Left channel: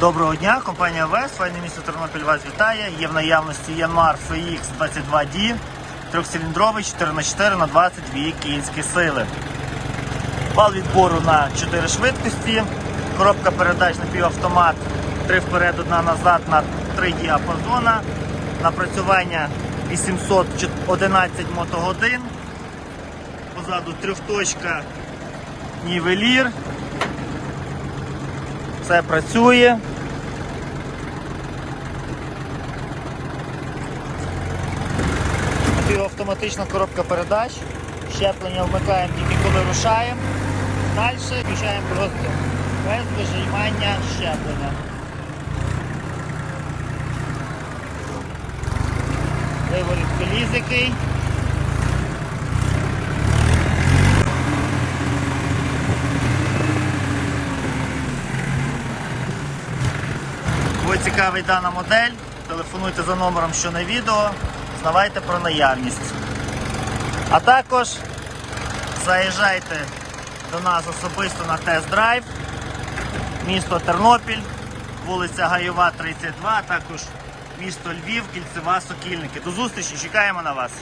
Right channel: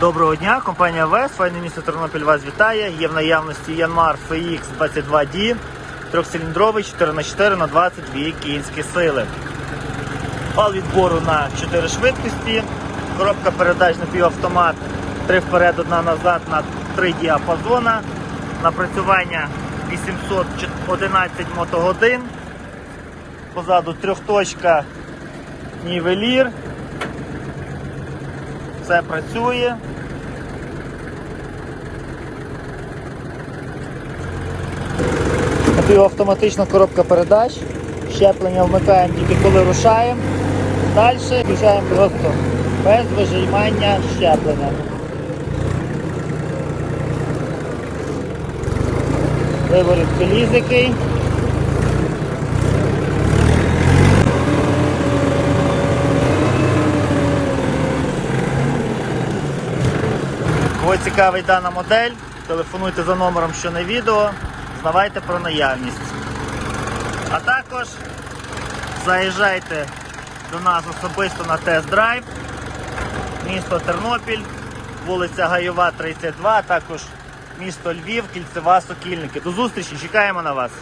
Доброго дня, компанія ВЕС, файне місто Тернопіль вас вітає. Є в наявності Янмар FX 22D, трьохциліндровий 4х4 на 22 кінські сили. Вал відбору на 4 швидкості, коробка передач напівавтомат, 3 вперед, одна назад на 3 діапазона, напрацювання 811 мотогодин, позаду трьохточка нівелір. Все працює. Напівавтоматична коробка передач. Щеплення вмикаємо тільки коли рушаємо. Далі включаємо просто без вижимання щеплення. Виворіт коліс який. Кого цікавить дана модель, телефонуйте за номером, що на відео, знавайте про наявність. А також заїжджайте до нас особисто на тест-драйв, місто Тернопіль, вулиця Гайова, 32, а також місто Львів, Кільцева, Сокільники. До зустрічі, чекаємо на вас.